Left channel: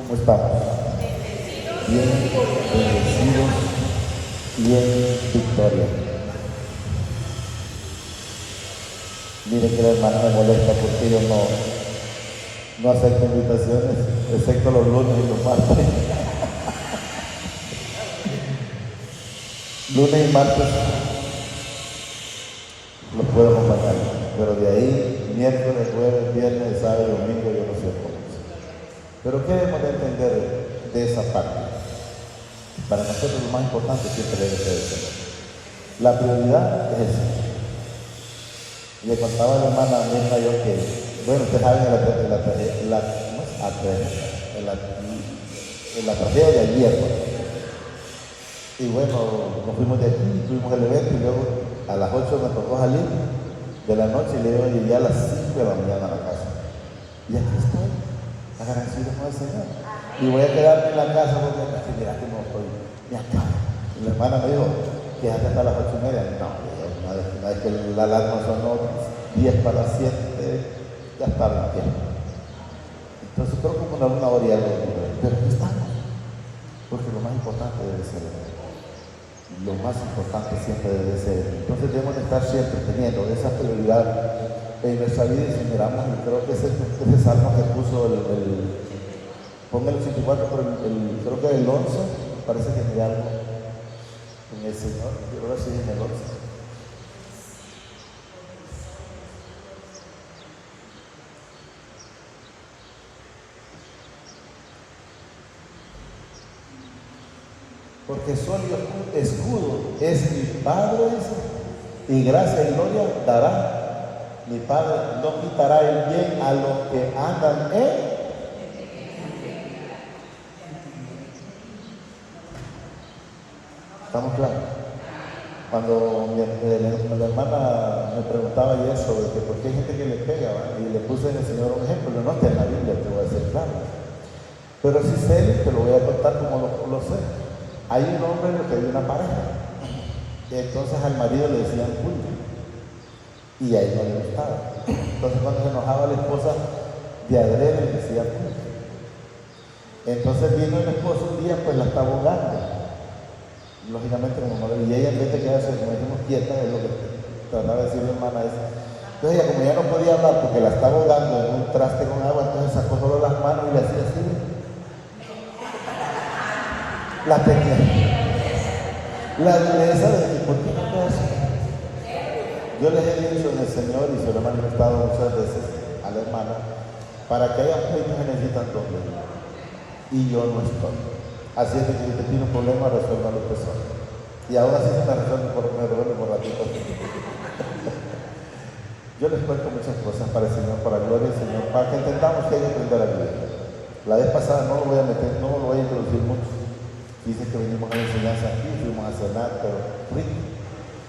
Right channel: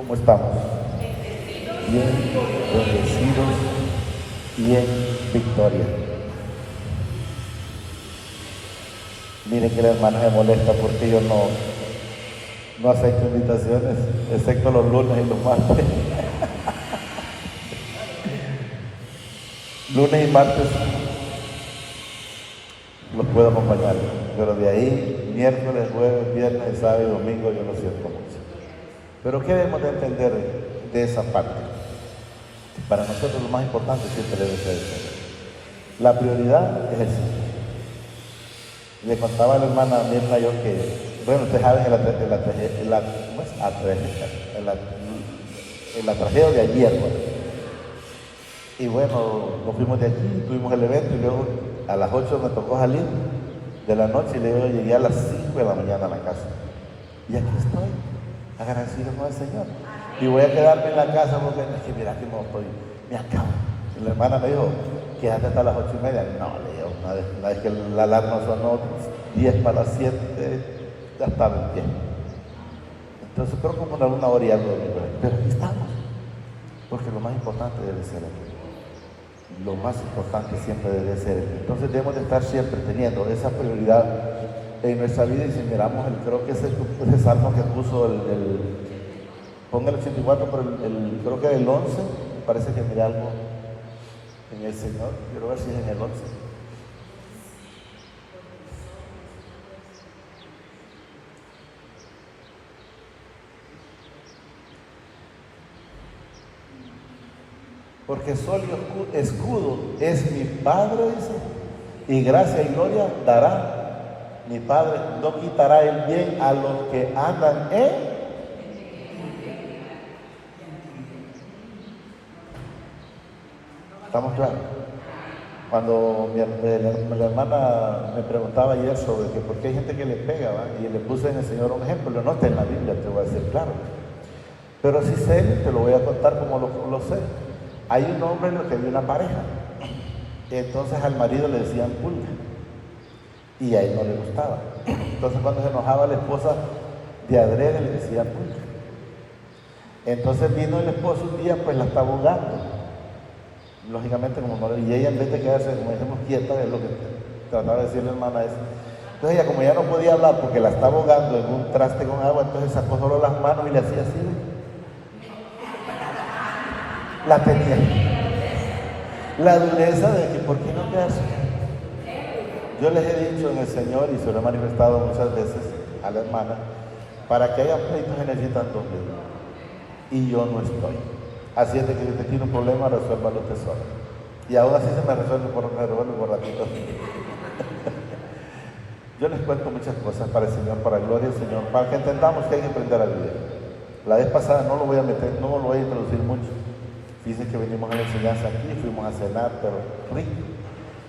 ¿Cómo estamos? Bien, bendecidos y en victoria. Miren que la hermana me molesta porque yo no acepto invitaciones, excepto los lunes y los martes. Lunes y martes los puedo acompañar, pero de ahí, miércoles, jueves, viernes, sábado y domingo yo no soy con eso. Pero ¿qué debemos de entender de esa parte? Para nosotros lo más importante siempre debe ser eso. La prioridad es esa. Le contaba a la hermana Mirna yo que, bueno, ustedes saben en la tragedia de ayer. Y bueno, nos fuimos de aquí, tuvimos el evento y luego a las 8 me tocó salir de la noche y luego llegué a las 5 de la mañana a la casa. Y aquí estoy, agradecido con el Señor. Y voy a quedarme en la casa porque mira que no estoy, me acabo. Y la hermana me dijo, quédate hasta las 8:30. No, una vez que la alarma sonó 10 para las 7, ya estaba en pie. Entonces creo que como una hora y algo, pero aquí estamos. Porque lo más importante debe ser lo más importante siempre debe ser. Entonces debemos estar siempre teniendo esa prioridad en nuestra vida y si miramos, creo que ese salmo que puso ponga el 84, pero creo que el 11, me parece que miré algo en el Señor, quiero ver si es en el 11. Porque solo escudo es mi Padre, y gracia y gloria dará mi Padre, no quitará el bien a los que andan en. ¿Estamos claros? Cuando la hermana me preguntaba ayer sobre por qué hay gente que le pega, ¿va? Y le puse en el Señor un ejemplo, no está en la Biblia, te voy a decir claro. Pero si sé, te lo voy a contar como lo sé. Hay un hombre en lo que había una pareja, y entonces al marido le decían culto, y a ella le gustaba. Entonces cuando se enojaba la esposa, de adrede le decía culto. Entonces vino el esposo un día, pues la estaba ahogando, lógicamente como y ella en vez de quedarse, como decimos, quieta, es lo que trataba de decir la hermana esa. Entonces ella, como ya no podía hablar porque la estaba ahogando en un traste con agua, entonces sacó solo las manos y le hacía así. La tenía. La dureza de que, ¿por qué no te haces? Yo les he dicho en el Señor, y se lo he manifestado muchas veces a la hermana, para que haya pleitos se necesitan dos leyes. Y yo no estoy. Así es de que si usted tiene un problema, resuelva lo que sea. Y ahora sí se me resuelve por ratito. Yo les cuento muchas cosas para el Señor, para la gloria del Señor, para que entendamos que hay que aprender a vivir. La vez pasada no lo voy a meter, no lo voy a introducir mucho. Dice que venimos a la enseñanza aquí, fuimos a cenar, pero rico.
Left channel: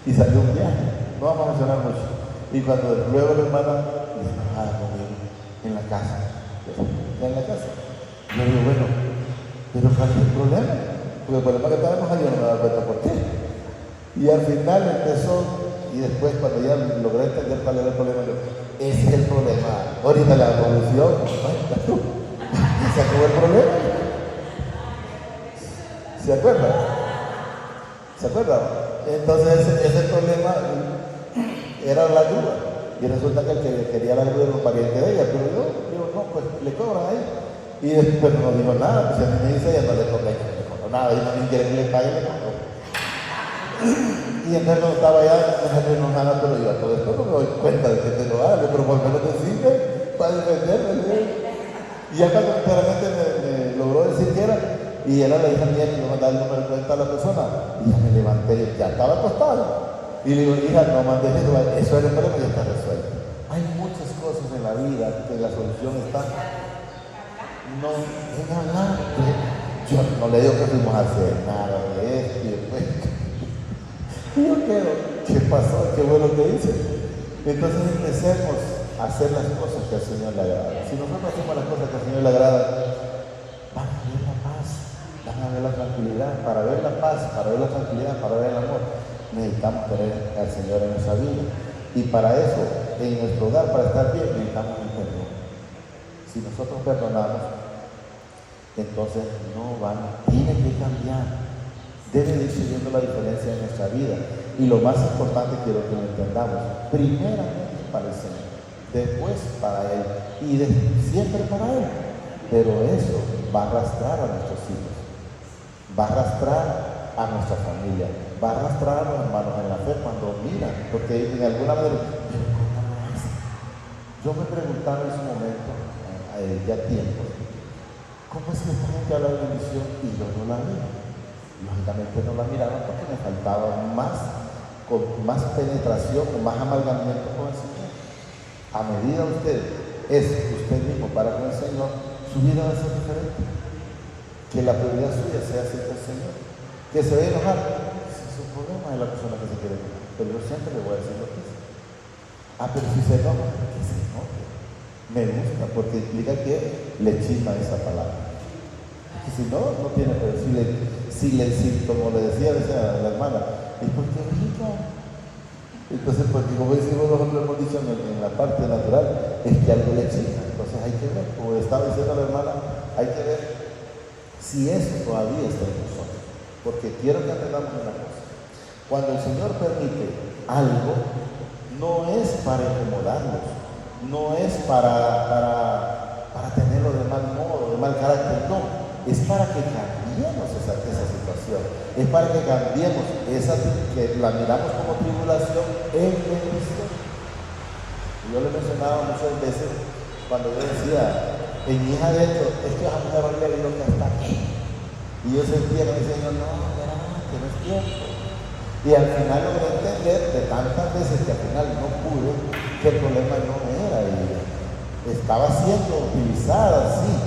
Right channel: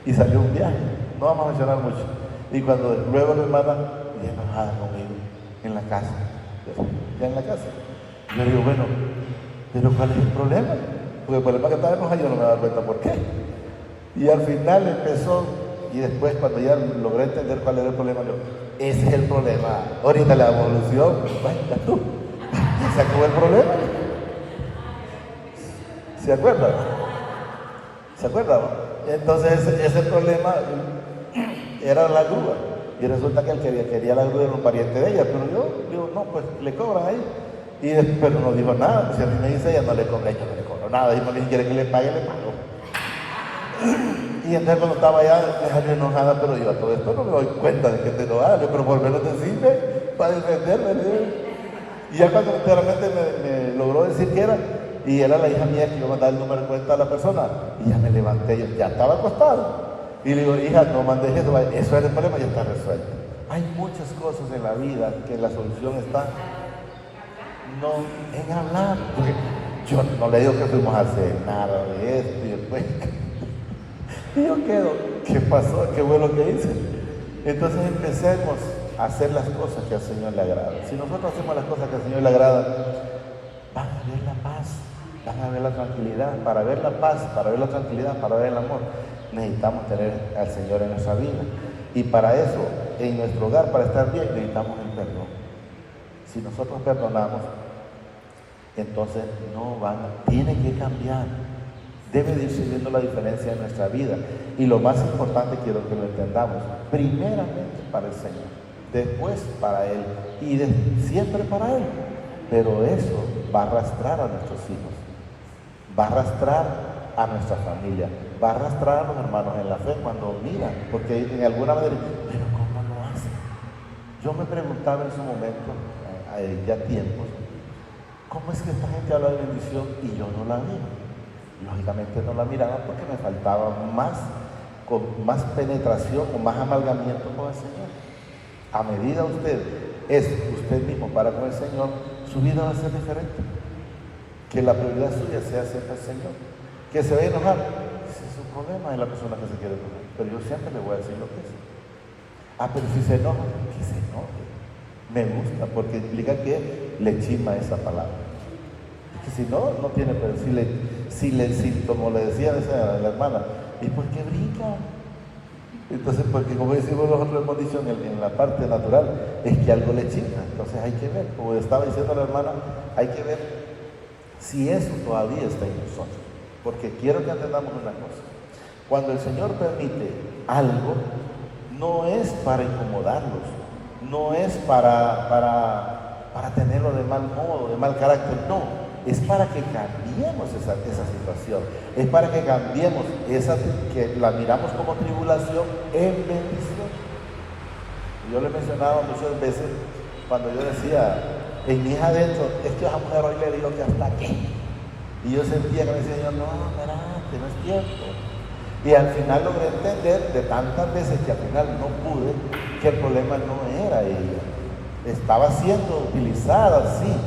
Y salió un viaje. No vamos a mencionar mucho. Y cuando luego la hermana le enojaba conmigo en la casa. Ya en la casa. Yo digo, bueno, pero ¿cuál es el problema? Porque el problema que estábamos ahí yo no me daba cuenta por qué. Y al final empezó, y después cuando ya logré entender cuál era el problema, yo, ese es el problema. Ahorita la evolución, se acabó el problema. ¿Se acuerdan? ¿Se acuerdan? Entonces ese problema era la grúa. Y resulta que el que quería la grúa era un pariente de ella, pero yo digo, no, pues le cobran ahí. Y después no digo nada, pues si a mí me dice ella no le cobra, yo no le cobro nada, y no me quiere que le pague, le cobro. Y entonces cuando estaba allá, me salió enojada, pero yo a todo esto no me doy cuenta de que te lo hago, pero por lo menos decirme para defenderme. Y ya cuando claramente me logró decir que era, y era la hija mía que le mandaba el número de cuenta a la persona, y ya me levanté, yo ya estaba acostado. Y le digo, hija, no mandes eso es el problema, ya está resuelto. Hay muchas cosas en la vida que la solución está, no, en hablar. Yo no le digo que fuimos a hacer nada de esto, y yo quedo, ¿qué pasó? ¿Qué bueno que hice? Entonces empecemos a hacer las cosas que al Señor le agrada. Si nosotros hacemos las cosas que al Señor le agrada, van a ver la paz, van a ver la tranquilidad. Para ver la paz, para ver la tranquilidad, para ver el amor, necesitamos tener al Señor en nuestra vida. Y para eso, en nuestro hogar, para estar bien, necesitamos el perdón. Si nosotros perdonamos, Entonces no van, tienen que cambiar. Debe de ir subiendo la diferencia en nuestra vida. Y lo más importante quiero que lo entendamos. Primeramente para el Señor, después para Él y siempre para Él. Pero eso va a arrastrar a nuestros hijos, va a arrastrar a nuestra familia, va a arrastrar a los hermanos en la fe cuando miran, porque en alguna manera, pero ¿cómo lo hace? Yo me preguntaba en su momento, ya tiempo, ¿cómo es que esta gente habla de bendición y yo no la veo? Lógicamente no la miraba porque me faltaba con más penetración, con más amalgamiento con el Señor. A medida usted mismo para con el Señor, su vida va a ser diferente. Que la prioridad suya sea siempre el Señor. Que se va a enojar, ese es el problema de la persona que se quiere enojar. Pero yo siempre le voy a decir lo que es. Pero si se enoja, que se enoje. Me gusta porque implica que le chisma esa palabra. Que si no, no tiene que decirle. Si como le decía a la hermana, ¿y por qué brinca? Entonces, porque como decimos nosotros hemos dicho en la parte natural, es que algo le chica. Entonces hay que ver, como estaba diciendo la hermana, hay que ver si eso todavía está en nosotros. Porque quiero que entendamos una cosa. Cuando el Señor permite algo, no es para incomodarlos, no es para tenerlo de mal modo, de mal carácter, no. Es para que cambiemos esa situación, es para que cambiemos que la miramos como tribulación en bendición. Yo lo mencionaba muchas veces cuando yo decía, en mi hija adentro, es que vas a poder hablar de Dios que hasta aquí. Y yo sentía que me decía, no es tiempo. Y al final lo voy a entender de tantas veces que al final no pude, que el problema no era ella. Estaba siendo utilizada así,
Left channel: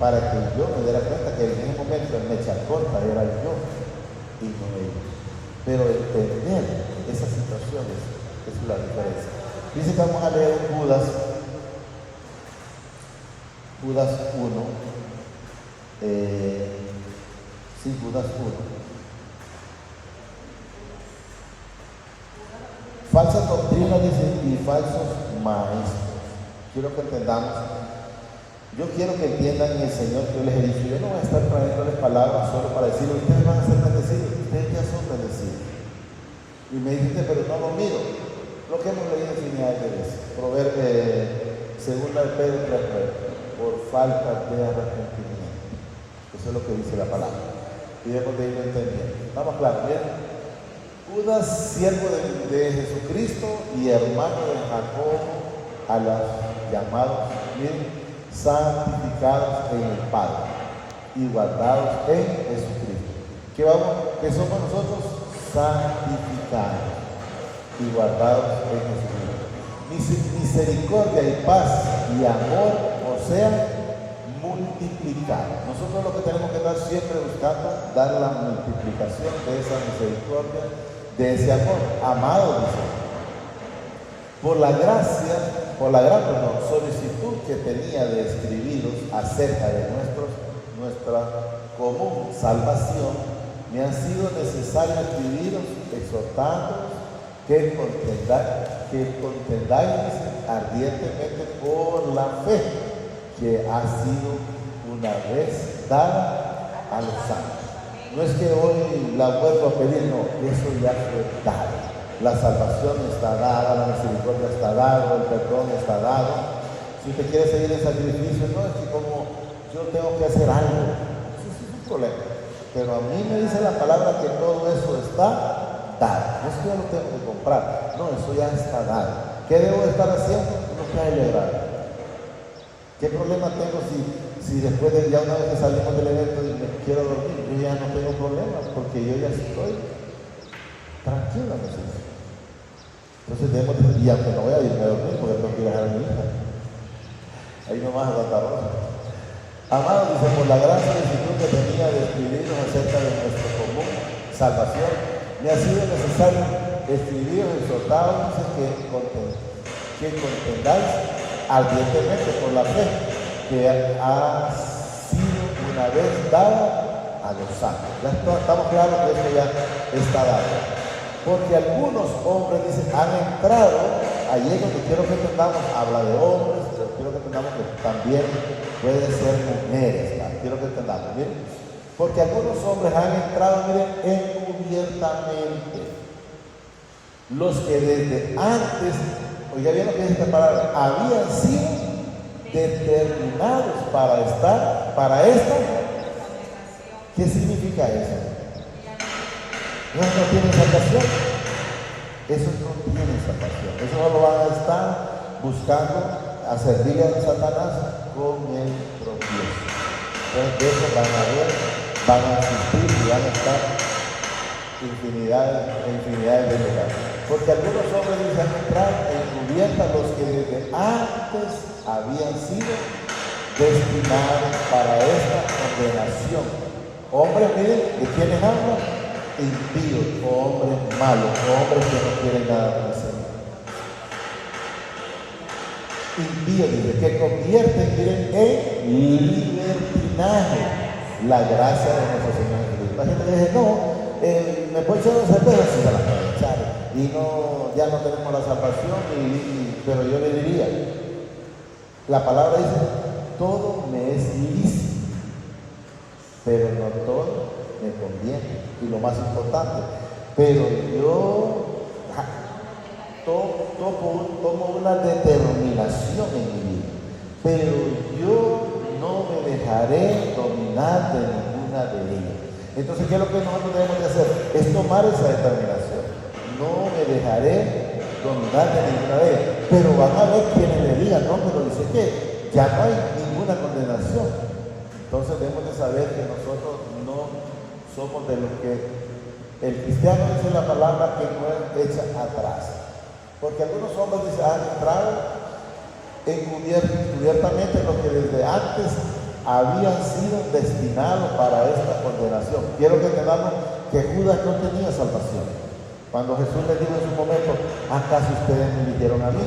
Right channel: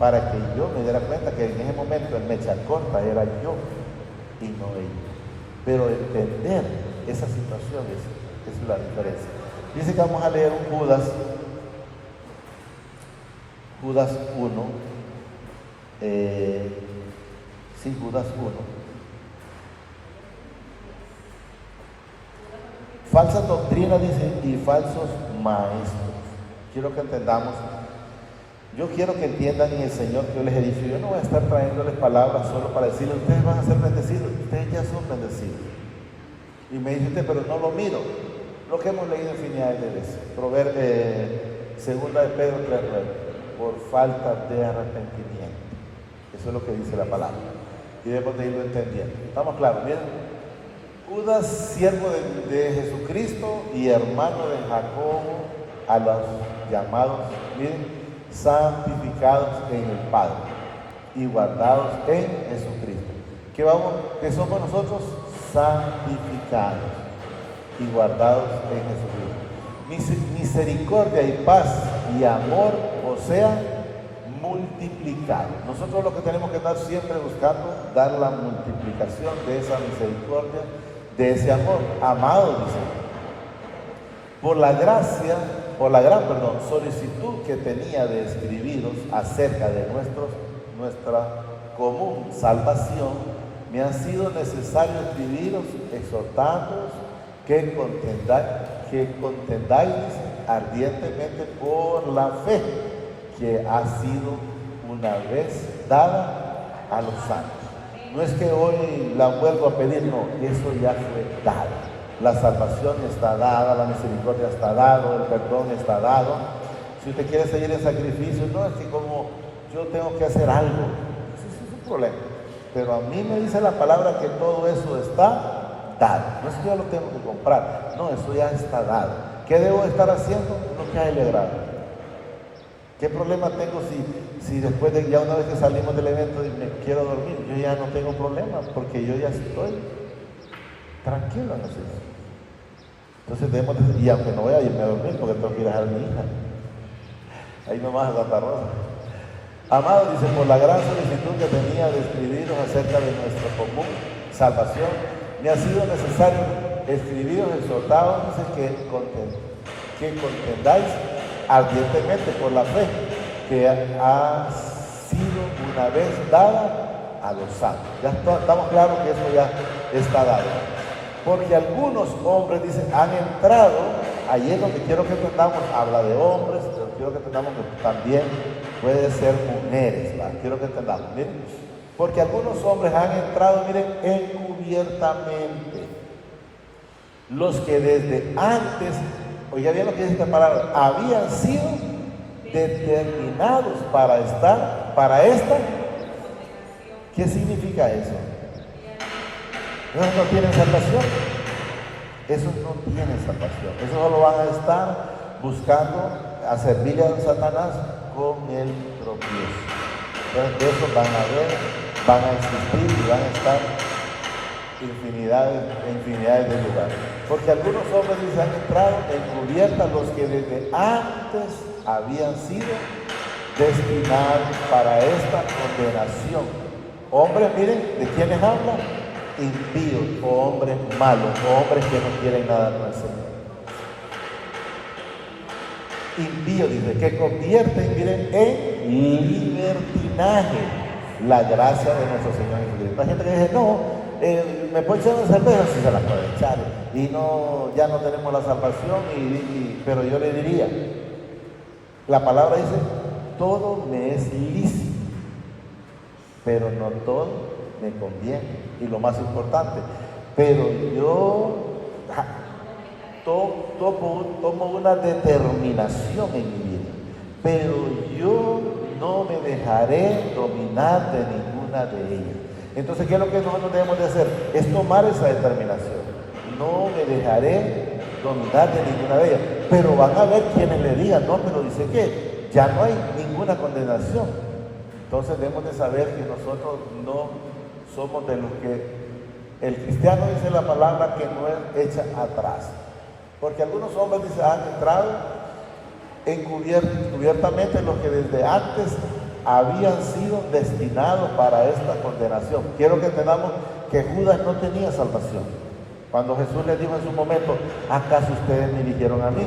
para que yo me diera cuenta que en ese momento el mecha corta era yo y no ellos. Pero entender esas situaciones es la diferencia. Dice que vamos a leer Judas 1. Judas 1. Falsas doctrinas y falsos maestros. Quiero que entendamos. Yo quiero que entiendan en el Señor que yo les he dicho, yo no voy a estar trayéndoles palabras solo para decirles, ustedes van a ser bendecidos, ustedes ya son bendecidos. Y me dijiste, pero no lo mido. Lo que hemos leído infinidad de veces. Segunda de Pedro 3:9, por falta de arrepentimiento. Eso es lo que dice la palabra. Y debemos de irlo entendiendo. ¿Estamos claros? ¿Bien? Judas, siervo de Jesucristo y hermano de Jacob, a los llamados, miren, santificados en el Padre y guardados en Jesucristo. ¿Qué somos nosotros? Santificados y guardados en Jesucristo. Misericordia y paz y amor, o sea, multiplicado. Nosotros lo que tenemos que estar siempre buscando, dar la multiplicación de esa misericordia, de ese amor. Amado, dice, por la gran solicitud que tenía de escribiros acerca de nuestra común salvación, me ha sido necesario escribiros exhortándoos que contendáis ardientemente por la fe que ha sido una vez dada a los santos. No es que hoy la vuelvo a pedir, no, eso ya fue dado. La salvación está dada, la misericordia está dada, el perdón está dado. Si usted quiere seguir en sacrificio, no, es que como yo tengo que hacer algo, eso es un problema. Pero a mí me dice la palabra que todo eso está dado. No es que yo lo tengo que comprar, no, eso ya está dado. ¿Qué debo estar haciendo? No que celebrar. ¿Qué problema tengo si después de ya una vez que salimos del evento y me quiero dormir? Yo ya no tengo problemas porque yo ya estoy tranquilo en el Señor. Entonces debemos decir, y aunque no voy a irme a dormir porque tengo que ir a dejar a mi hija. Ahí nomás a Santa Rosa. Amado, dice, por la gran solicitud que tenía de escribiros acerca de nuestra común salvación, me ha sido necesario escribiros exhortados que contendáis ardientemente por la fe que ha sido una vez dada a los santos. Ya estamos claros que eso ya está dado. Porque algunos hombres dicen, han entrado, ahí es lo que quiero que entendamos, habla de hombres, pero quiero que entendamos que también puede ser mujeres, ¿vale? quiero que entendamos, miren. Porque algunos hombres han entrado, miren, encubiertamente. Los que desde antes, oiga bien lo que dice esta palabra, habían sido determinados para estar, para esta. ¿Qué significa eso? Esos no tienen salvación. Esos no tienen salvación. Esos solo van a estar buscando a servir a Satanás con el tropiezo. Entonces de eso van a ver, van a existir y van a estar infinidades de lugares. Porque algunos hombres dicen entrar encubierta los que desde antes habían sido destinados para esta condenación. Hombres, miren, ¿de quiénes hablan? Impíos, o hombres malos, o hombres que no quieren nada con el Señor. Impíos, dice, que convierten, miren, en libertinaje la gracia de nuestro Señor Jesucristo. La gente que dice, no, me puedo echar una cerveza, si se la puede echar, y no, ya no tenemos la salvación, pero yo le diría, la palabra dice, todo me es lícito, pero no todo me conviene. Y lo más importante, pero yo tomo una determinación en mi vida, pero yo no me dejaré dominar de ninguna de ellas. Entonces, ¿qué es lo que nosotros debemos de hacer? Es tomar esa determinación. No me dejaré dominar de ninguna de ellas. Pero van a ver quienes le digan, no, pero dice que ya no hay ninguna condenación. Entonces debemos de saber que nosotros no somos de los que el cristiano dice la palabra que no es hecha atrás. Porque algunos hombres dicen, han entrado encubiertamente los que desde antes habían sido destinados para esta condenación. Quiero que entendamos que Judas no tenía salvación. Cuando Jesús les dijo en su momento, ¿acaso ustedes me eligieron a mí?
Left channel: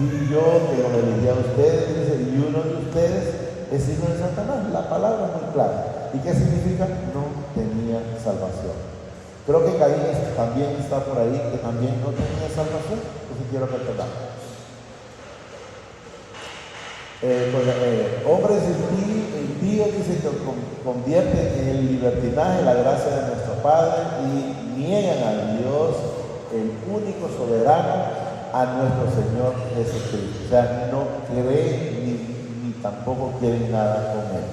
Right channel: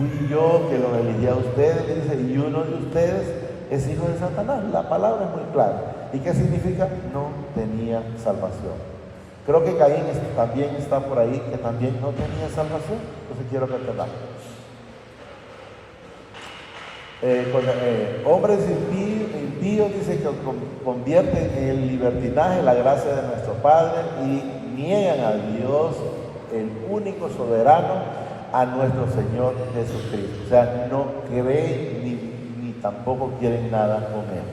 Y yo que los elegí a ustedes, dice, y uno de ustedes es hijo de Satanás. La palabra es muy clara. ¿Y qué significa? No tenía salvación. Creo que Caín también está por ahí, que también no tenía salvación. Entonces quiero que entendamos. Hombres impíos dicen que convierten en el libertinaje la gracia de nuestro Padre y niegan a Dios, el único soberano, a nuestro Señor Jesucristo. O sea, no creen ni tampoco quieren nada con Él.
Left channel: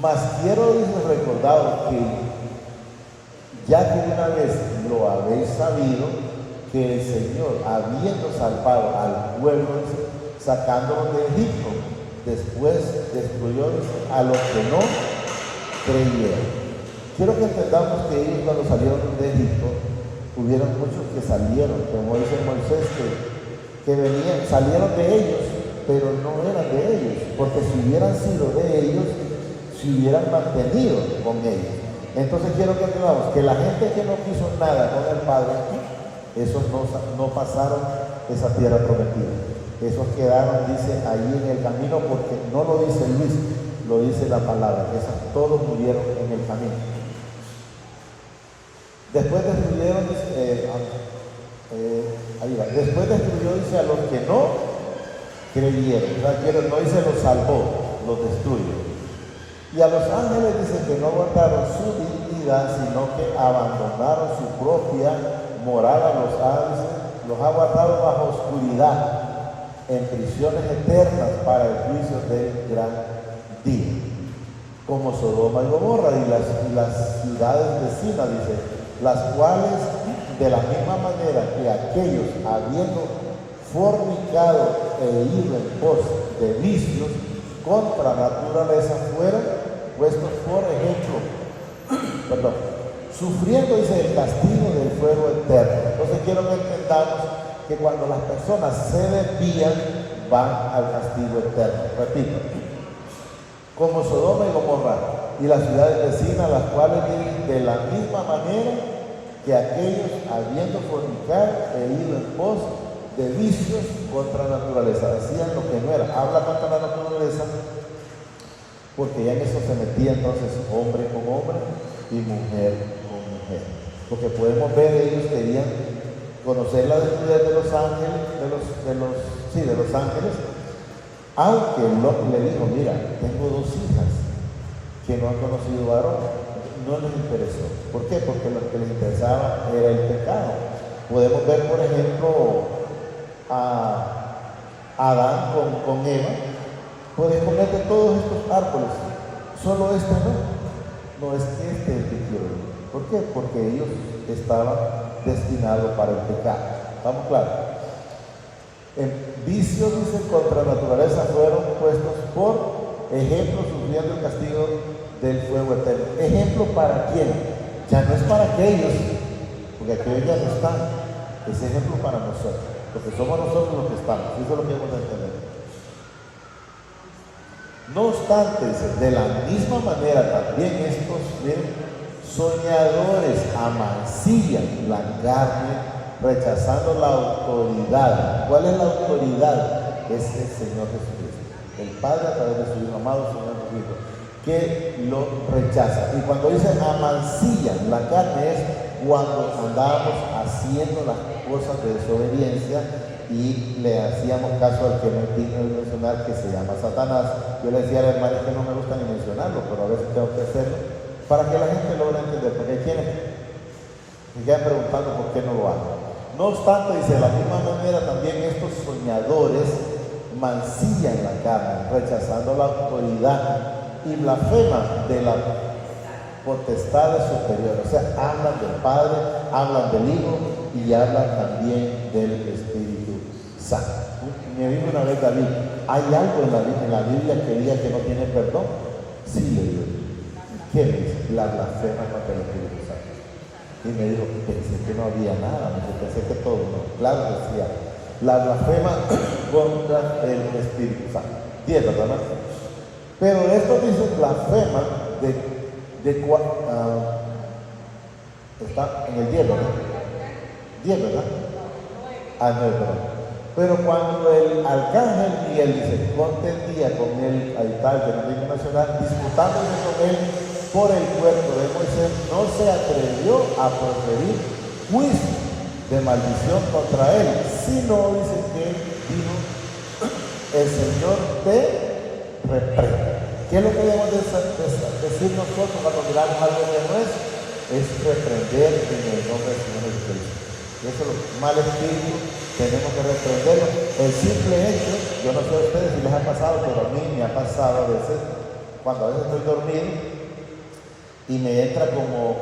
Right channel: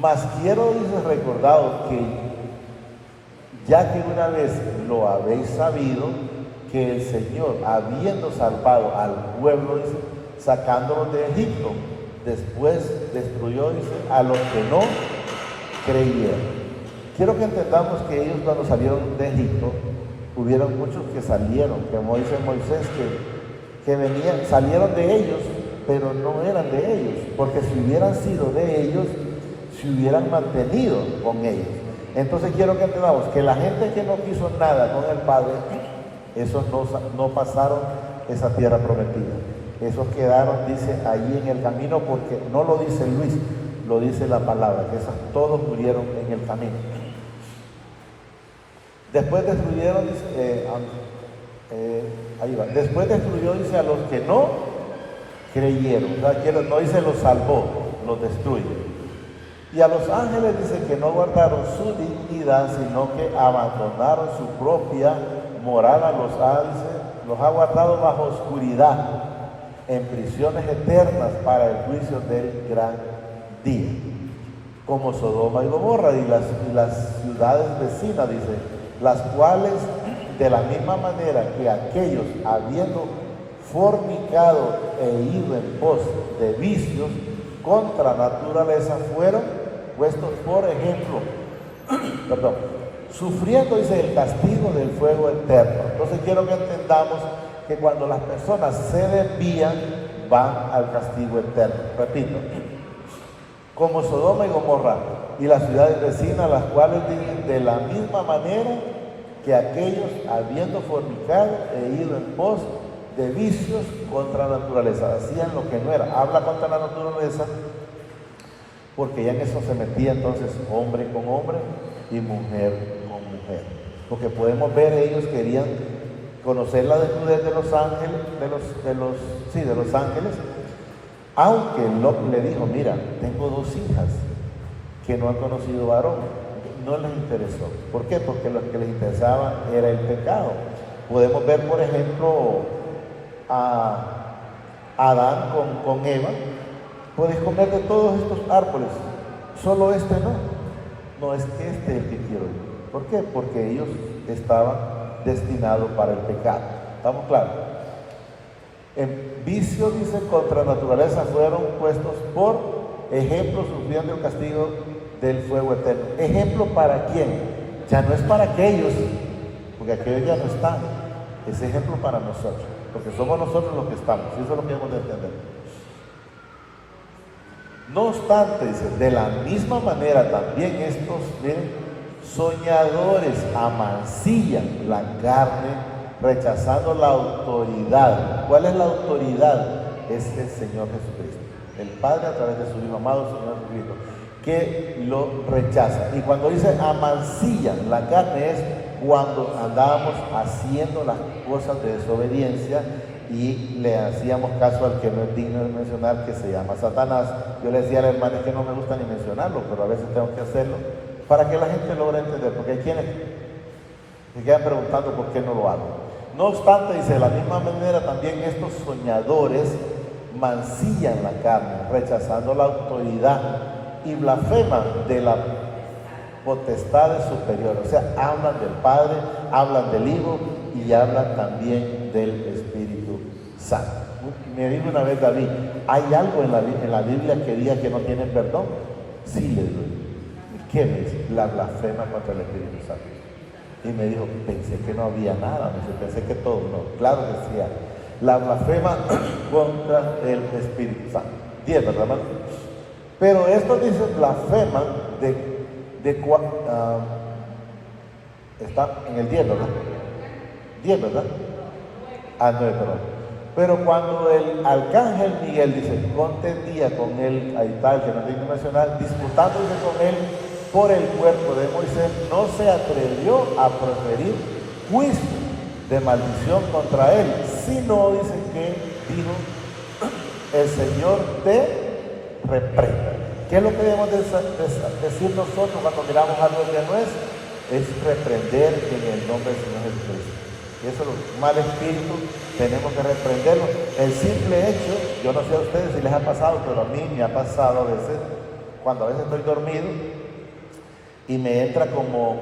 Mas quiero recordaros que ya que una vez lo habéis sabido, que el Señor, habiendo salvado al pueblo, sacándolos de Egipto, después destruyó a los que no creyeron. Quiero que entendamos que ellos cuando salieron de Egipto, hubieron muchos que salieron, como dice Moisés, que venían, salieron de ellos, pero no eran de ellos, porque si hubieran sido de ellos, se hubieran mantenido con ellos. Entonces quiero que entendamos que la gente que no quiso nada con el Padre, esos no pasaron esa tierra prometida. Esos quedaron, dice, allí en el camino, porque no lo dice Luis, lo dice la palabra, que todos murieron en el camino. Después destruyeron, después destruyó, dice, a los que no creyeron. O sea, que no dice los salvó, los destruye. Y a los ángeles dice que no guardaron su dignidad, sino que abandonaron su propia morada. Los ha guardado bajo oscuridad, en prisiones eternas para el juicio del gran día, como Sodoma y Gomorra y las ciudades vecinas, dice, las cuales de la misma manera que aquellos, habiendo fornicado e ido en pos de vicios contra naturaleza, fueron puestos por ejemplo, sufriendo, dice, el castigo del fuego eterno. Entonces quiero que entendamos que cuando las personas se desvían, van al castigo eterno. Repito, como Sodoma y Gomorra y las ciudades vecinas, las cuales viven de la misma manera que aquellos, habiendo fornicado e ido en pos de vicios contra la naturaleza, hacían lo que no era. Habla contra la naturaleza, porque ya en eso se metía entonces hombre con hombre y mujer con mujer. Porque podemos ver, ellos querían conocer la desnudez de los ángeles, de los ángeles, aunque Lot le dijo, mira, tengo 2 hijas, que no han conocido varón. No les interesó. ¿Por qué? Porque lo que les interesaba era el pecado. Podemos ver, por ejemplo, a Adán con Eva. Puedes comer de todos estos árboles, solo este no. No es este el que quiero. ¿Por qué? Porque ellos estaban destinados para el pecado. ¿Estamos claros? El vicio, dice, contra la naturaleza fueron puestos por ejemplo, sufriendo el castigo del fuego eterno. ¿Ejemplo para quién? Ya no es para aquellos, porque aquellos ya no están. Es ejemplo para nosotros, porque somos nosotros los que estamos. Eso es lo que hemos de entender. No obstante, dice, de la misma manera también estos soñadores amancillan la carne, rechazando la autoridad. ¿Cuál es la autoridad? Es el Señor Jesucristo, el Padre a través de su Hijo amado, Señor Jesucristo, que lo rechaza. Y cuando dice amancillan la carne es cuando andábamos haciendo las cosas de desobediencia y le hacíamos caso al que no es digno de mencionar, que se llama Satanás. Yo le decía a la hermana que no me gusta ni mencionarlo, pero a veces tengo que hacerlo para que la gente logre entender, porque hay quienes me quedan preguntando por qué no lo hago. No obstante, dice, de la misma manera también estos soñadores mancillan la carne, rechazando la autoridad y blasfeman de la potestades superiores. O sea, hablan del Padre, hablan del Hijo y hablan también del Espíritu Santo. Me dijo una vez David, ¿hay algo en la Biblia que diga que no tienen perdón? Sí, le digo. ¿Qué es? La blasfema contra el Espíritu Santo. Y me dijo, pensé que no había nada, pensé que todo, no. Claro, decía, la blasfema contra el Espíritu Santo. 10, ¿verdad? Pero esto dice blasfema está en el 10, ¿verdad? 10, ¿verdad? 9, perdón. Pero cuando el arcángel Miguel dice, contendía con él, ahí está el fenómeno nacional, disputándose con él por el cuerpo de Moisés, no se atrevió a proferir juicio de maldición contra él, sino dice que dijo, el Señor te reprenda. ¿Qué es lo que debemos decir nosotros cuando miramos algo que no es? Es reprender en el nombre del Señor Jesucristo. Y eso, los malos espíritus, tenemos que reprenderlo. El simple hecho, yo no sé a ustedes si les ha pasado, pero a mí me ha pasado a veces, cuando a veces estoy dormido y me entra como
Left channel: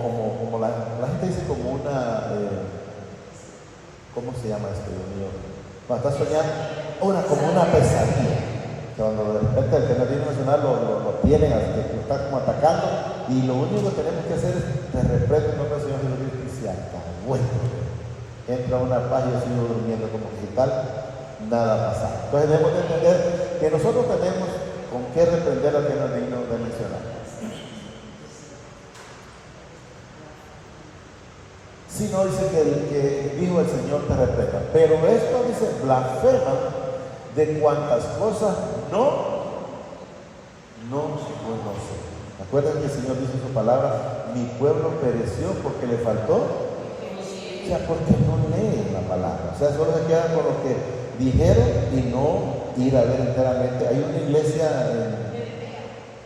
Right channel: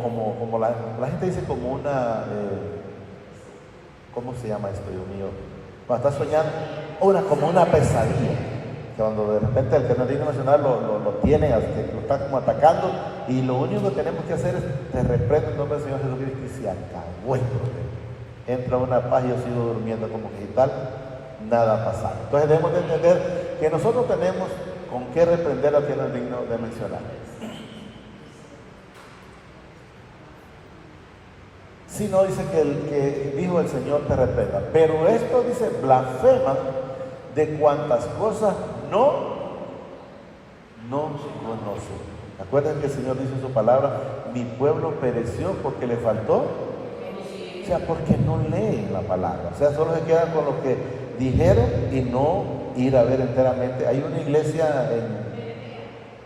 la gente dice como una, ¿cómo se llama esto, Dios mío? Cuando estás soñando, como una pesadilla. Cuando de repente el Tenor Nacional lo tienen, lo están como atacando, y lo único que tenemos que hacer es te reprendo en nombre del Señor Jesucristo y se acabó. Entra una paz y yo sigo durmiendo como que tal, nada ha pasado. Entonces debemos de entender que nosotros tenemos con qué reprender al que no es digno de mencionar. Si no, dice que el que dijo el Señor te reprenda. Pero esto dice blasfema de cuantas cosas no conoce. Acuérdense que el Señor dice en su palabra, mi pueblo pereció porque le faltó, o sea, porque no leen la palabra. O sea, solo se quedan con lo que dijeron y no ir a ver enteramente. Hay una iglesia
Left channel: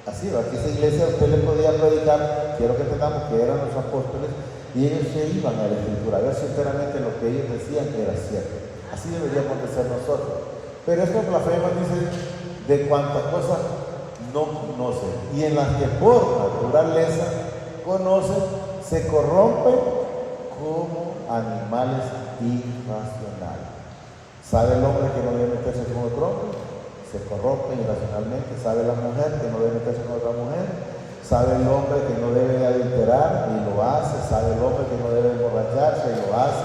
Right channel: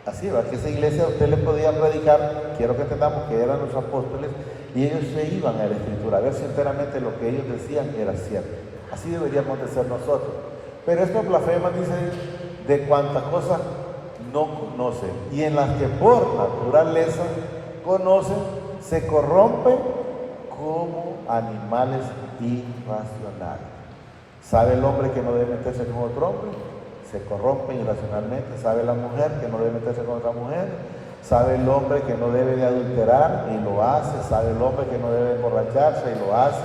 así, ¿verdad? Que esa iglesia usted le podía predicar, quiero que entendamos que eran los apóstoles, y ellos se iban a la Escritura a ver si enteramente lo que ellos decían era cierto. Así deberíamos de ser nosotros. Pero estos blasfemas dicen de cuántas cosas no conocen, y en las que por naturaleza conocen, se corrompen como animales irracionales. ¿Sabe el hombre que no debe meterse con otro hombre? Se corrompe irracionalmente. ¿Sabe la mujer que no debe meterse con otra mujer? ¿Sabe el hombre que no debe adulterar? Y lo hace. ¿Sabe el hombre que no debe emborracharse? Y lo hace.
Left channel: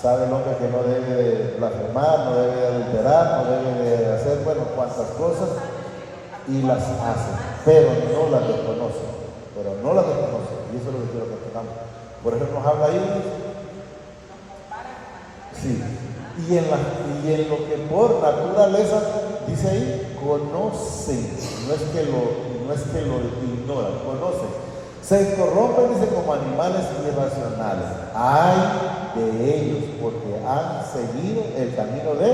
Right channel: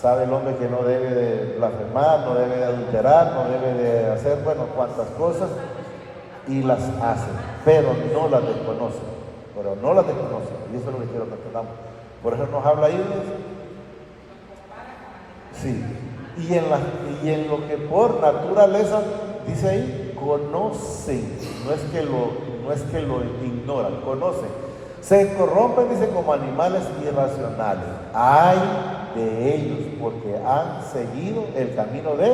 ¿Sabe el hombre que no debe de blasfemar, no debe de adulterar, no debe de hacer, bueno, cuantas cosas? Y las hace, pero no las desconoce. Y eso es lo que quiero que entendamos. Por eso nos habla ahí. Sí. Y en lo que por naturaleza, dice ahí, conocen. No es que lo ignoran, conocen. Se corrompen, dice, como animales irracionales. Hay de ellos, porque han seguido el camino de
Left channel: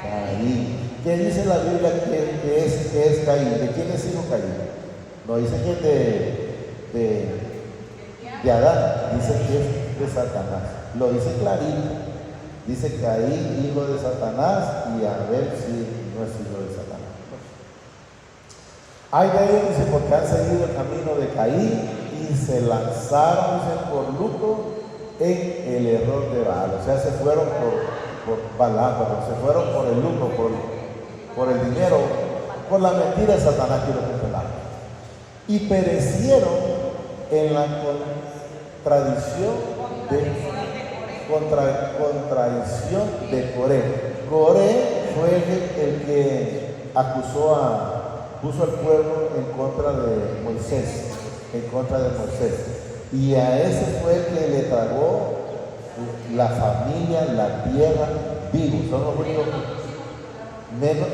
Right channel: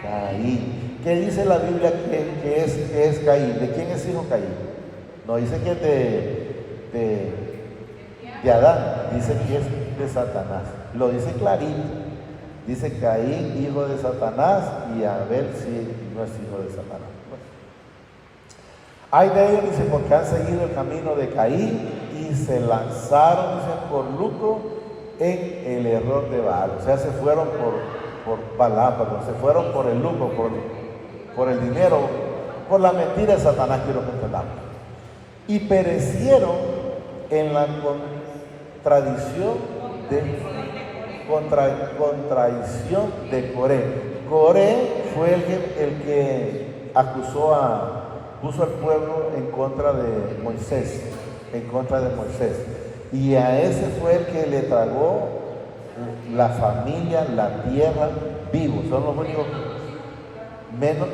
Caín. ¿Qué dice la Biblia que es Caín? ¿De quién es hijo Caín? No dice que es de Adán, dice que es de Satanás. Lo dice clarito. Dice Caín, hijo de Satanás, y Abel, sí, no es hijo de Satanás. Hay de ellos, dice, porque han seguido el camino de Caín y se lanzaron, dice, por luto en el error de Baal. O sea, se fueron por Balaam, se fueron por el luto, por el dinero, por la mentira de Satanás, quiero controlar. Y perecieron en la contradicción de Coré. Coré fue el que puso al pueblo en contra de Moisés, y a ese fue el que le tragó la familia, la tierra, vivos. Son los únicos menos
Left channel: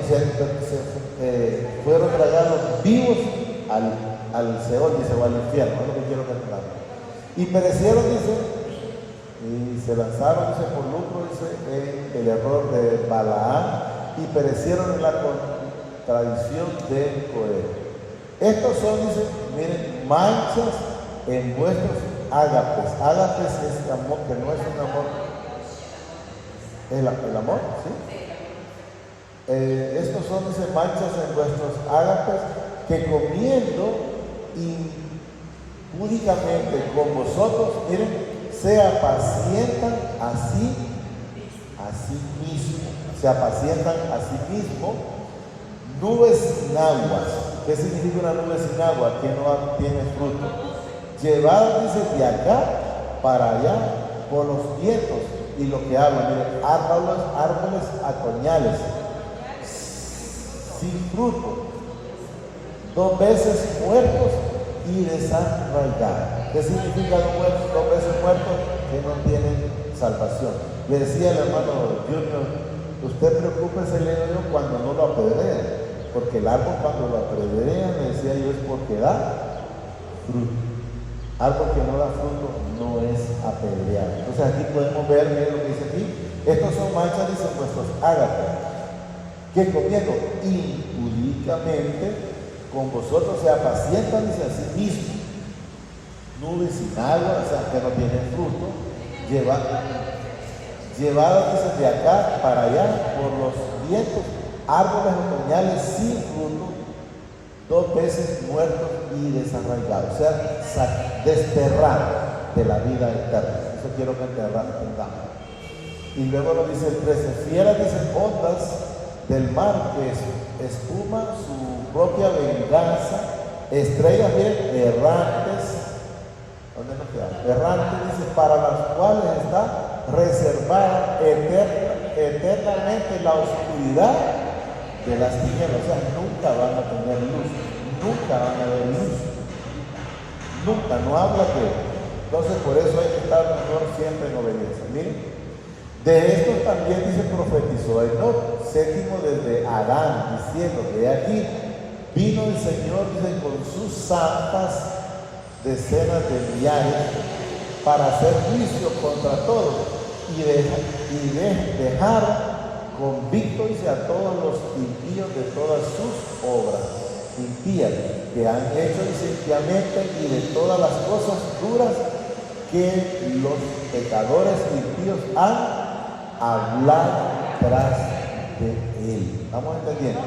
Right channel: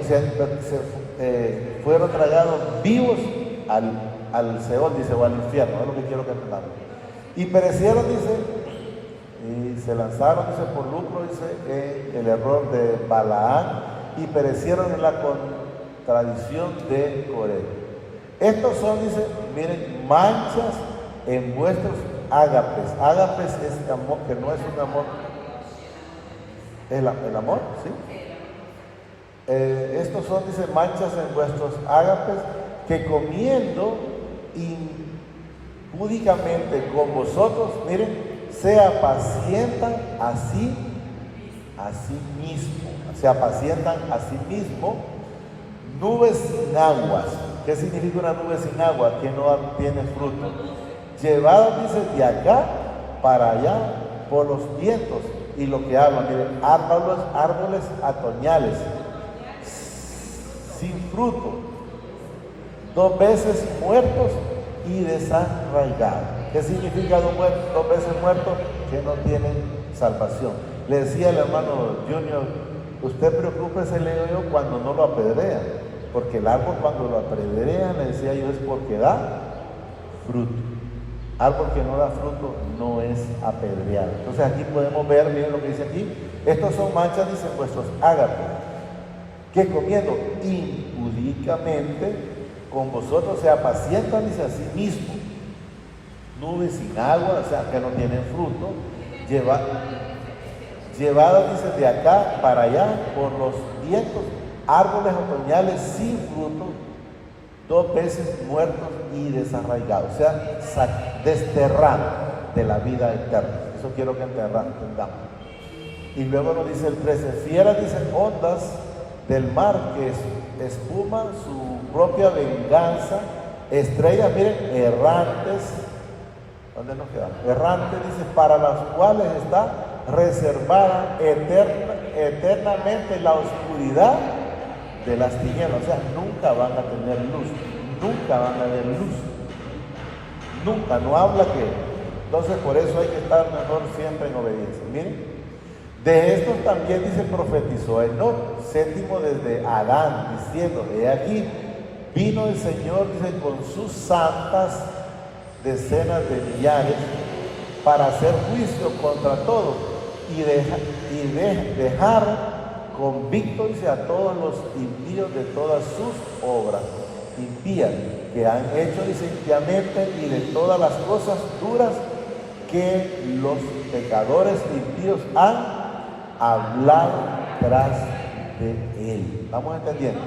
fueron tragados vivos al Seol, dice, o al infierno, es lo que quiero calcular. Y perecieron, dice, y se lanzaron, dice, por lucro, dice, en el error de Balaam, y perecieron en la contradicción de Coré. Estos son, dice, miren, manchas en vuestros ágapes. Ágapes es el amor, que no es un amor, el amor, ¿sí? Estos son, dice, manchas en vuestros ágapes, que comiendo impúdicamente con vosotros, miren, se apacientan a sí mismo. Se apacientan a sí mismo. Nubes sin aguas. ¿Qué significa una nube sin agua? Que no tiene fruto. Llevadas, dice, de acá para allá por los vientos. Y lo que hablan, miren, árboles otoñales sin fruto, 2 veces muertos y desarraigados. ¿Qué significa 2 veces muertos? Que no tienen salvación. Le decía al hermano Junior, usted preocúpese cuando no lo apedrean, porque el árbol cuando lo apedrean, le decía yo, es porque da fruto. Árbol que no da fruto no es apedreado. Entonces aquí podemos ver, miren lo que dice aquí, estos son manchas, dice, vuestros ágatos, que comiendo impúdicamente con vosotros se apacientan, dice, a sí mismos. Nubes sin agua, o sea, que no tienen fruto, llevadas, dice, de acá para allá por los vientos, árboles otoñales sin fruto, 2 veces muertos y desarraigados, o sea, desterrar de la vida eterna. Eso quiero que entendamos. Y luego lo dice el 13, fieras, dice, ondas del mar que espuma su propia venganza, estrellas, miren, errantes. ¿Dónde nos quedamos? Errantes, dice, para las cuales está reservada eternamente la oscuridad de las tinieblas. O sea, nunca van a tener luz, nunca van a ver luz, nunca, no habla de eso. Entonces, por eso hay que estar mejor siempre en obediencia. Miren, de esto también, dice, profetizó Enoc, séptimo desde Adán, diciendo que aquí vino el Señor, dice, con sus santas decenas de millares para hacer juicio contra todos y dejar convictos, dice, a todos los impíos de todas sus obras impías que han hecho, dice, impiamente, y de todas las cosas duras que los pecadores impíos han hablado tras de él. ¿Vamos entendiendo?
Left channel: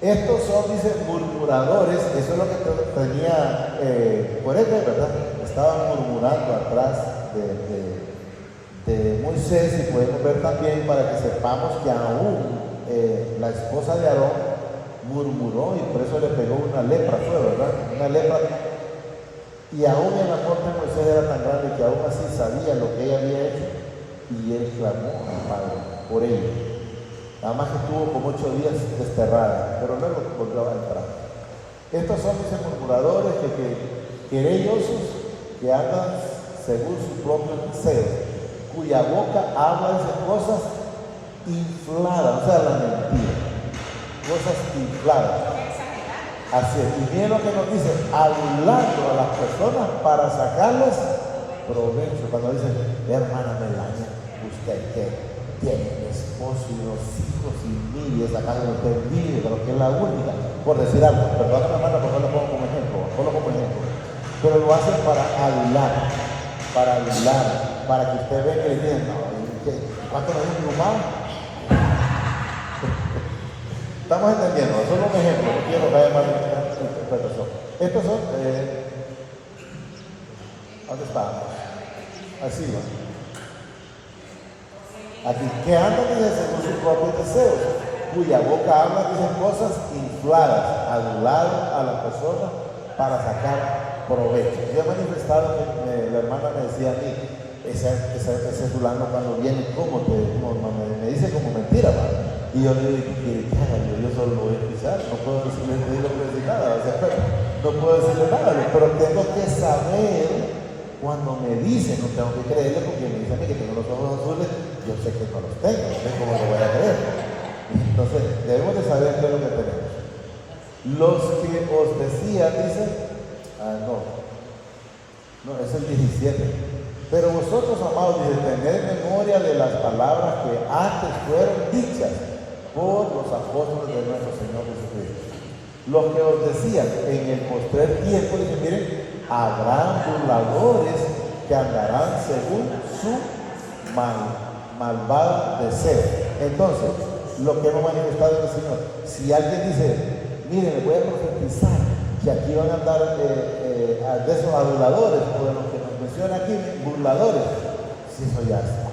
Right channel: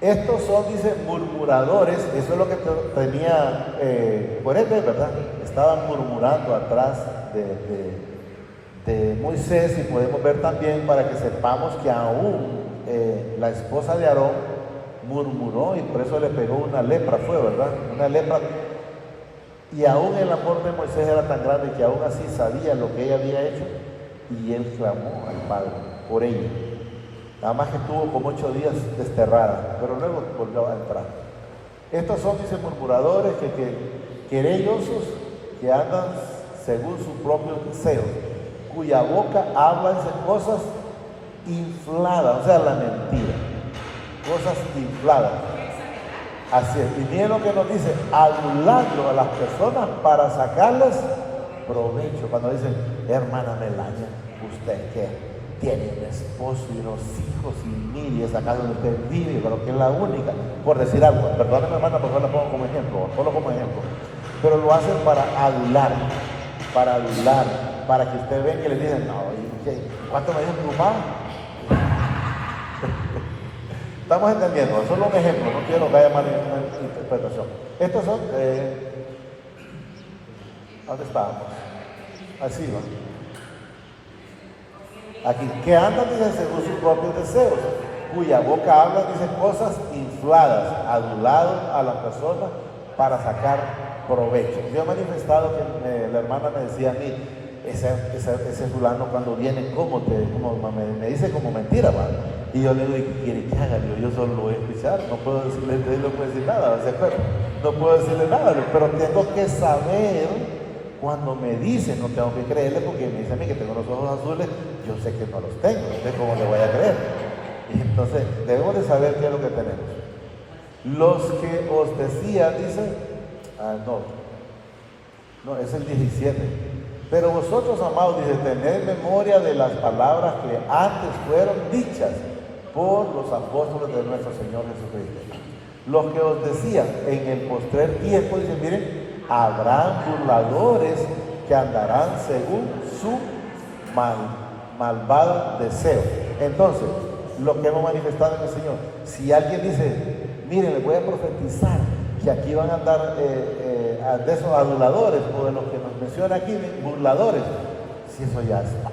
Estos son, dice, murmuradores. Eso es lo que tenía Coré, ¿verdad? Estaban murmurando atrás de Moisés, y podemos ver también, para que sepamos que aún la esposa de Aarón murmuró, y por eso le pegó una lepra, ¿verdad? Una lepra. Y aún el amor de Moisés era tan grande que aún así sabía lo que ella había hecho, y él clamó al Padre por ella. Nada más que estuvo como 8 días desterrada, pero luego volvió a entrar. Estos son, dice, murmuradores, querellosos, que andan según su propio deseo, cuya boca habla de cosas infladas, o sea, la mentira, cosas infladas. Así es, y bien lo que nos dice, hablando a las personas para sacarles provecho. Cuando dicen, hermana Melania, ¿usted qué? tiene un esposo y unos hijos y mil, y esa casa donde usted vive, pero que es la única, por decir algo, perdón, hermana, pero lo pongo como ejemplo, solo como ejemplo, pero lo hacen para adular, para que usted vea que le digan, no, ¿cuánto me dijo tu mamá? Estamos entendiendo, solo un ejemplo, no quiero que vaya mal interpretación. Estos son, ¿dónde está? Así va. Aquí, que andan según sus propios deseos, cuya boca habla, dicen cosas infladas, aduladas a la persona para sacar provecho. Yo he manifestado que la hermana me decía a mí, ese fulano cuando viene, me dice como mentira, ¿verdad? Y yo le digo, ¿qué haga? Yo solo lo voy a escuchar, no puedo decirle nada, no puedo decirle nada, pero tengo que saber. Cuando me dicen, no tengo que creerle, porque me dice a mí que tengo los ojos azules, yo sé que no los tengo, no sé cómo lo voy a creer. Entonces, debemos de saber qué es lo que tenemos. Los que os decía, dice, no, es el 17. Pero vosotros, amados, dice, tened memoria de las palabras que antes fueron dichas por los apóstoles de nuestro Señor Jesucristo. Los que os decían en el postrer tiempo, dice, miren, habrán burladores que andarán según su malvado deseo. Entonces, lo que hemos manifestado en el Señor, si alguien dice, miren, les voy a profetizar que aquí van a andar de esos aduladores, o de los que nos menciona aquí, burladores, si eso ya está,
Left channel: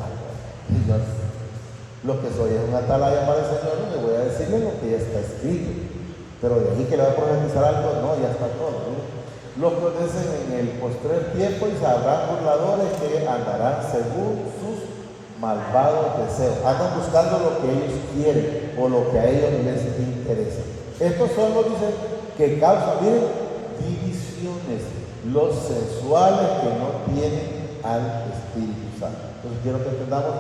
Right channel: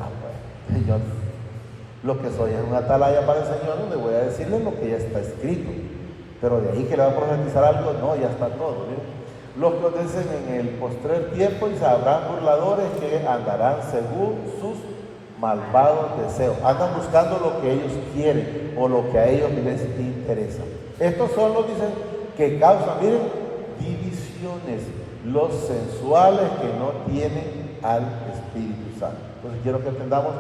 Señor, lo que soy es una atalaya para el Señor, le voy a decirle lo que ya está escrito, pero de ahí que le va a profetizar algo, no, ya está todo, ¿sí? Los que dicen en el postrer tiempo y sabrán burladores que andarán según sus malvados deseos. Andan buscando lo que ellos quieren o lo que a ellos les interesa. Estos son los, dicen, que causan, miren, divisiones, los sensuales que no tienen al Espíritu Santo. Entonces quiero que entendamos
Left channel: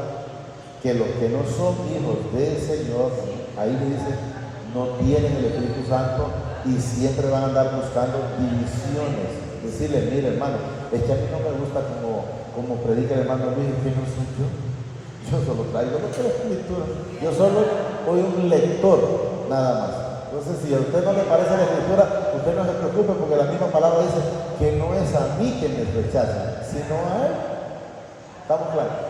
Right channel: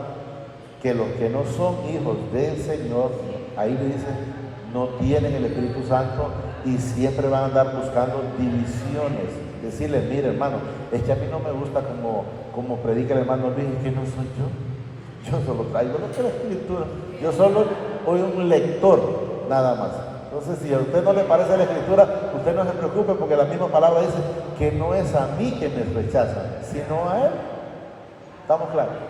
que los que no son hijos del Señor, ahí le dicen, no tienen el Espíritu Santo, y siempre van a andar buscando divisiones. Decirle, mire hermano, es que a mí no me gusta como predica el hermano Luis, que no soy yo. Yo solo traigo la escritura. Yo solo soy un lector, nada más. Entonces, si a usted no le parece la escritura, usted no se preocupe, porque la misma palabra dice que no es a mí que me rechazan, sino a él. ¿Estamos claros?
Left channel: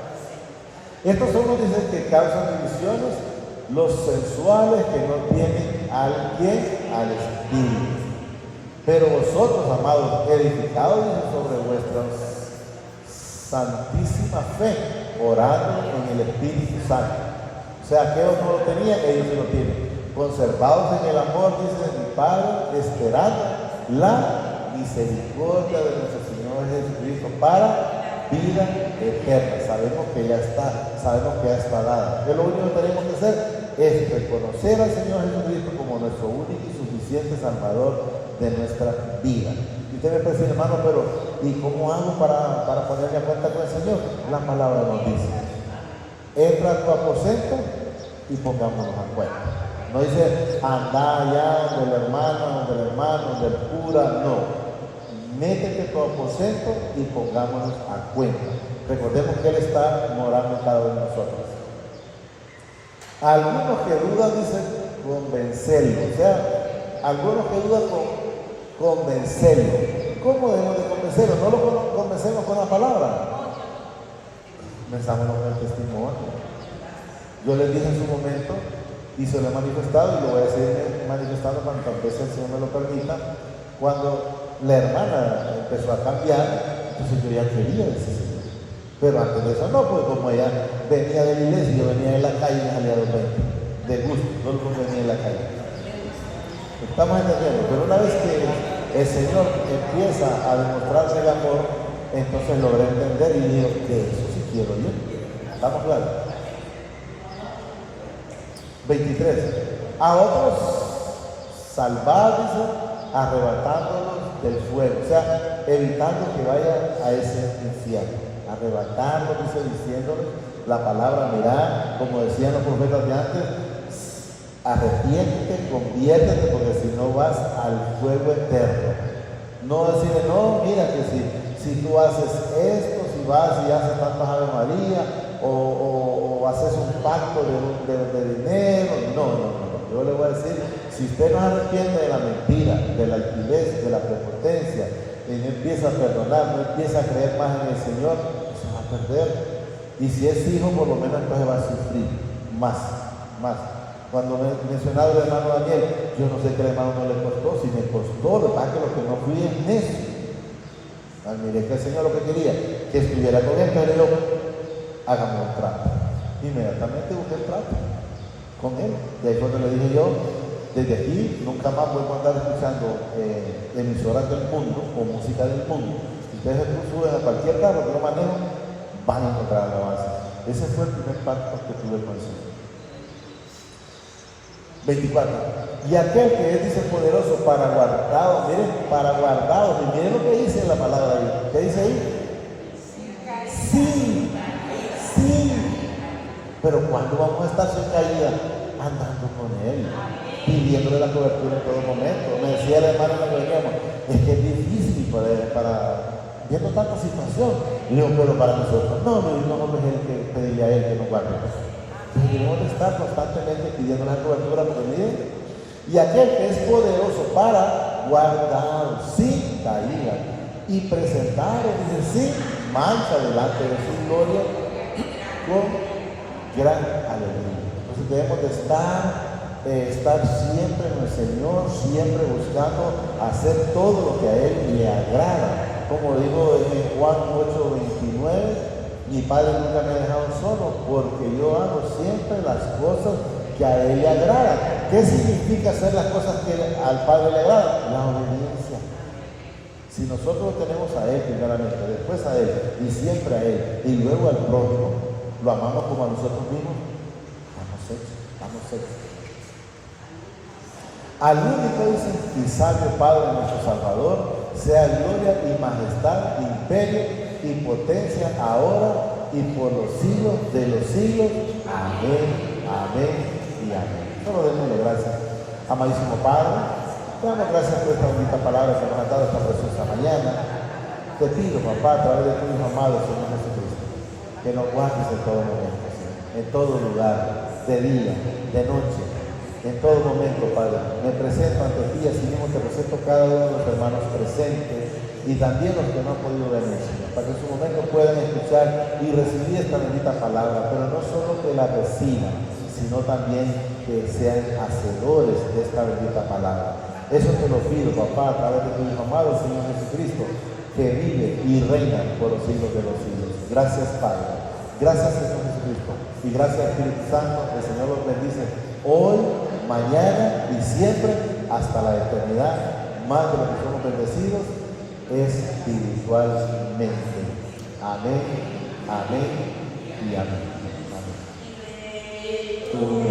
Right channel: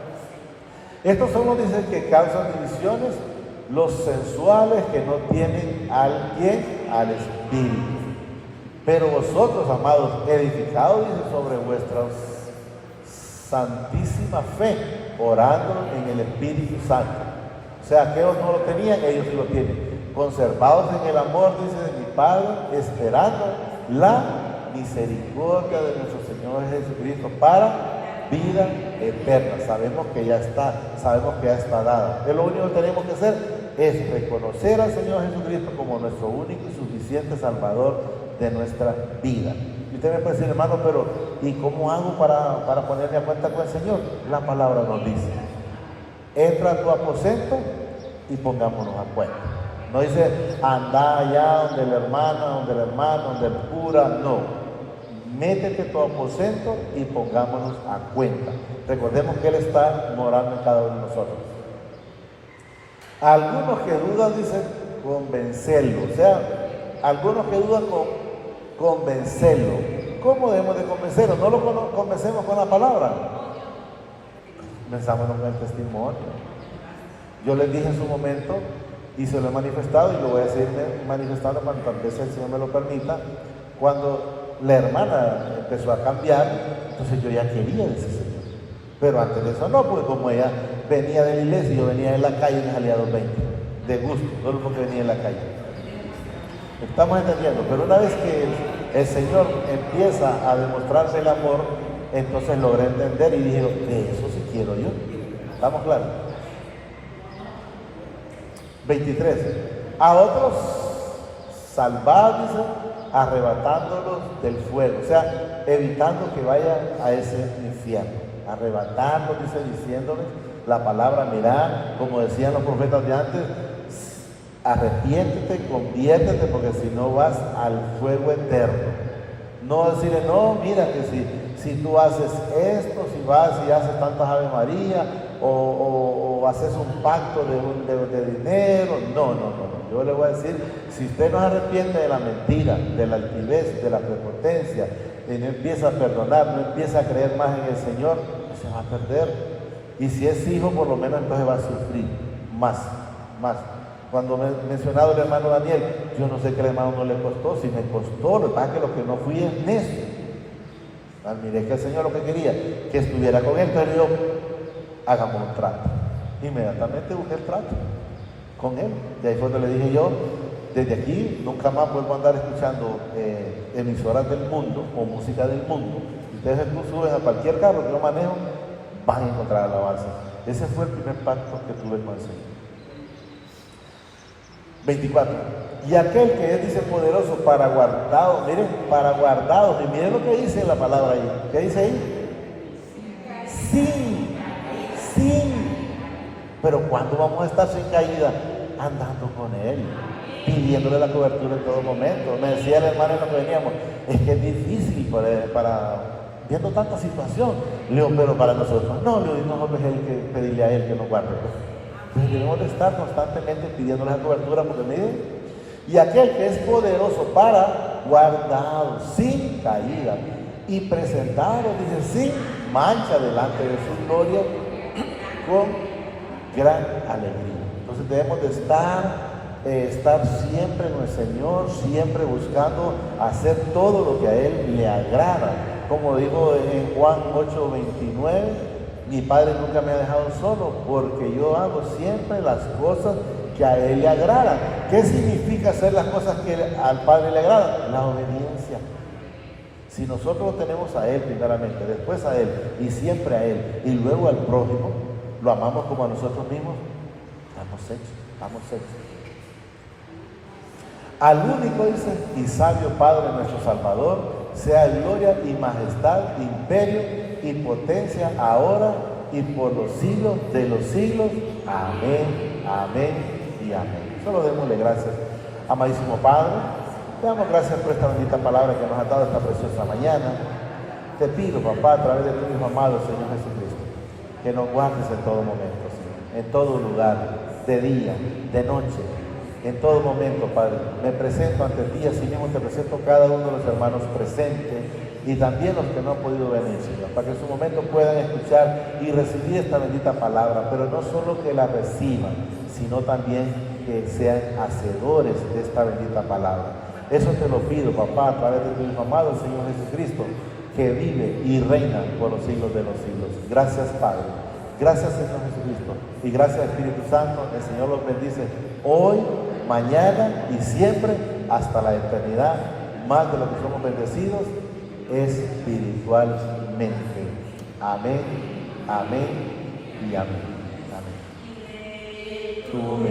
Estos son los dicen que causan divisiones, los sensuales que no tienen al Espíritu. Pero vosotros, amados, edificados sobre vuestra santísima fe, orando en el Espíritu Santo. O sea, que ellos no lo tenían, ellos sí lo tienen. Conservados en el amor, dice mi Padre, esperando la misericordia de nuestro Señor Jesucristo para vida eterna. Sabemos que ya está, sabemos que ya está dada. ¿Qué es lo único que tenemos que hacer? Es reconocer al Señor Jesucristo como nuestro único y suficiente Salvador de nuestra vida. Y usted me puede decir, hermano, pero ¿y cómo hago para ponerme a cuenta con el Señor? La palabra nos dice, entra a tu aposento y pongámonos a cuenta. No dice, anda allá donde el hermano, donde el cura, no. Métete a tu aposento y pongámonos a cuenta. Recordemos que Él está morando en cada uno de nosotros. Algunos que dudan dicen convencerlo, o sea, algunos que dudan convencerlo. ¿Cómo debemos de convencerlo? No lo convencemos con la palabra. Mensaje con el testimonio. Yo les dije en su momento y se lo he manifestado y lo voy a seguir manifestando cuando tal vez el Señor me lo permita. Cuando la hermana empezó a cambiar, entonces yo ya quería decir. Pero antes de eso no, pues como ella venía de la iglesia, yo venía en la calle y me salía a los 20, de gusto, solo porque venía en la calle. Estamos entendiendo, pero una vez que el Señor empieza a demostrarse el amor, entonces logré entender y dije, de eso sí quiero yo. ¿Estamos claros? 23. A otros salvar, arrebatándolos del fuego, o sea, evitando que vayan a ese infierno. Arrebatando, diciéndonos la palabra, mirá, como decían los profetas de antes, arrepiéntete, conviértete, porque si no vas al fuego eterno. No decirle, no, mira que si tú haces esto, si vas y haces tantas Ave María, o haces un pacto de dinero. No. Yo le voy a decir, si usted no se arrepiente de la mentira, de la altivez, de la prepotencia, y no empieza a perdonar, no empieza a creer más en el Señor, se va a perder. Y si es hijo, por lo menos entonces va a sufrir más. Cuando me he mencionado el hermano Daniel, yo no sé qué el hermano no le costó, si me costó, lo que pasa es que lo que no fui es necio. Miré que el Señor lo que quería, que estuviera con él, pero yo, hagamos un trato. Inmediatamente busqué el trato con él. De ahí fue que le dije yo, desde aquí nunca más vuelvo a andar escuchando emisoras del mundo o música del mundo. Si ustedes suben a cualquier carro que yo manejo, van a encontrar alabanzas. Ese fue el primer pacto que tuve con el Señor. 24. Y aquel que es, dice, poderoso para guardados, miren, para guardados, y miren lo que dice la palabra ahí. ¿Qué dice ahí? Sí. Pero ¿cuándo vamos a estar sin caída? Andando con Él, pidiéndole la cobertura en todo momento. Me decía el hermano cuando veníamos, es que es difícil para viendo tanta situación. Le digo, pero para nosotros, no, nosotros es el que pedirle a Él que nos guarde. Entonces debemos de estar constantemente pidiendo la cobertura porque miren, y aquel que es poderoso para guardar sin caída y presentaros, dice, sin mancha delante de su gloria con gran alegría. Entonces debemos de estar siempre en el Señor, siempre buscando hacer todo lo que a Él le agrada. Como digo en Juan 8:29, mi Padre nunca me ha dejado solo, porque yo hago siempre las cosas que a Él le agradan. ¿Qué significa hacer las cosas que al Padre le agradan? La obediencia. Si nosotros tenemos a Él primeramente, después a Él, y siempre a Él, y luego al prójimo, lo amamos como a nosotros mismos, estamos hechos. Al único, dice, y sabio Padre nuestro Salvador, sea gloria y majestad, imperio y potencia ahora y por los siglos de los siglos. Amén y amén. Solo démosle gracias, amadísimo Padre. Te damos gracias por esta bonita palabra que nos ha dado esta preciosa mañana. Te pido, papá, a través de tu Hijo amado, Señor Jesucristo, que nos guardes en todo momento, Señor, en todo lugar, de día, de noche, en todo momento, Padre. Me presento ante ti, así mismo te presento cada uno de los hermanos presentes y también los que no han podido venir, Señor, para que en su momento puedan escuchar y recibir esta bendita palabra, pero no solo que la reciban, sino también que sean hacedores de esta bendita palabra. Eso te lo pido, papá, a través de tu Hijo amado, Señor Jesucristo, que vive y reina por los siglos de los siglos. Gracias, Padre. Gracias, Señor Jesucristo. Y gracias, Espíritu Santo. El Señor los bendice hoy, mañana y siempre hasta la eternidad. Más de lo que somos bendecidos espiritualmente. Amén y amén. Amén.